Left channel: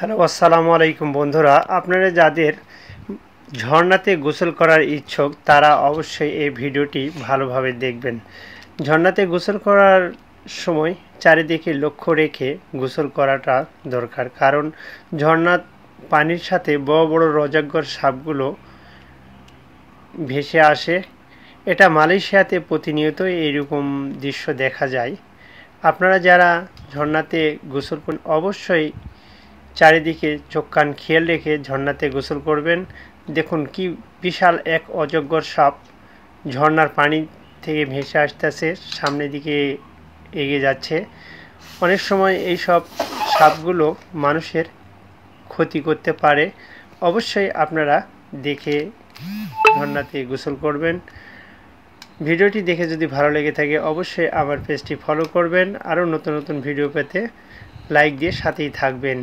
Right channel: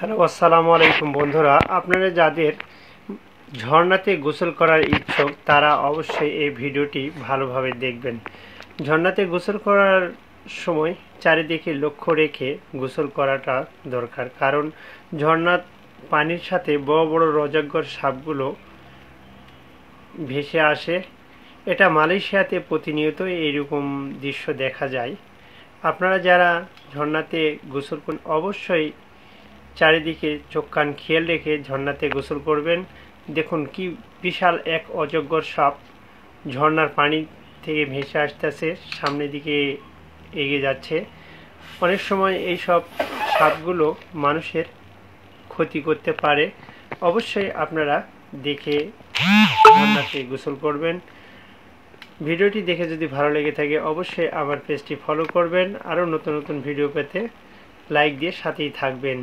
Hello, আসসালামু আলাইকুম বন্ধুরা। আপনারা যাদের ঝর্ণাতে গোসল করার ইচ্ছুক তারা অবশ্যই এই ভিডিওটি ভালোভাবে দেখবেন। ঝর্ণাতে গোসল করার সময় চারিদিকে লক্ষ্য রেখে গোসল করাটা দরকার, কারণ ঝর্ণার পানির সাথে বড় বড় রজাগ্বর সাপগুলো ভেসে আসে। এটা মালয়েশিয়াতে প্রতিনিয়ত এইরকম দৃশ্য দেখা যায়। আপনারা যারা ঝর্ণাতে গোসল করেন অবশ্যই চারিদিকে চোখ কান খেয়াল রেখে ঝর্ণাতে গোসল করবেন। দেখুন কি বিশাল এক অজগর সাপ ঝর্ণার পানি থেকে ভেসে আসতেছে, সামনের দিকে এগিয়ে যাচ্ছে। অনেক সময় এই সব সাপগুলো মানুষের ক্ষতি করতে পারে। অবশ্যই আপনারা দেখে ঝর্ণাতে গোসল করবেন। ভিডিওটি দেখে যদি ভালো লেগে থাকে অবশ্যই আমার পেজটি ফলো করবেন। আরও নতুন নতুন ভিডিও পেতে লাইক দিয়ে সাথেই থাকবেন।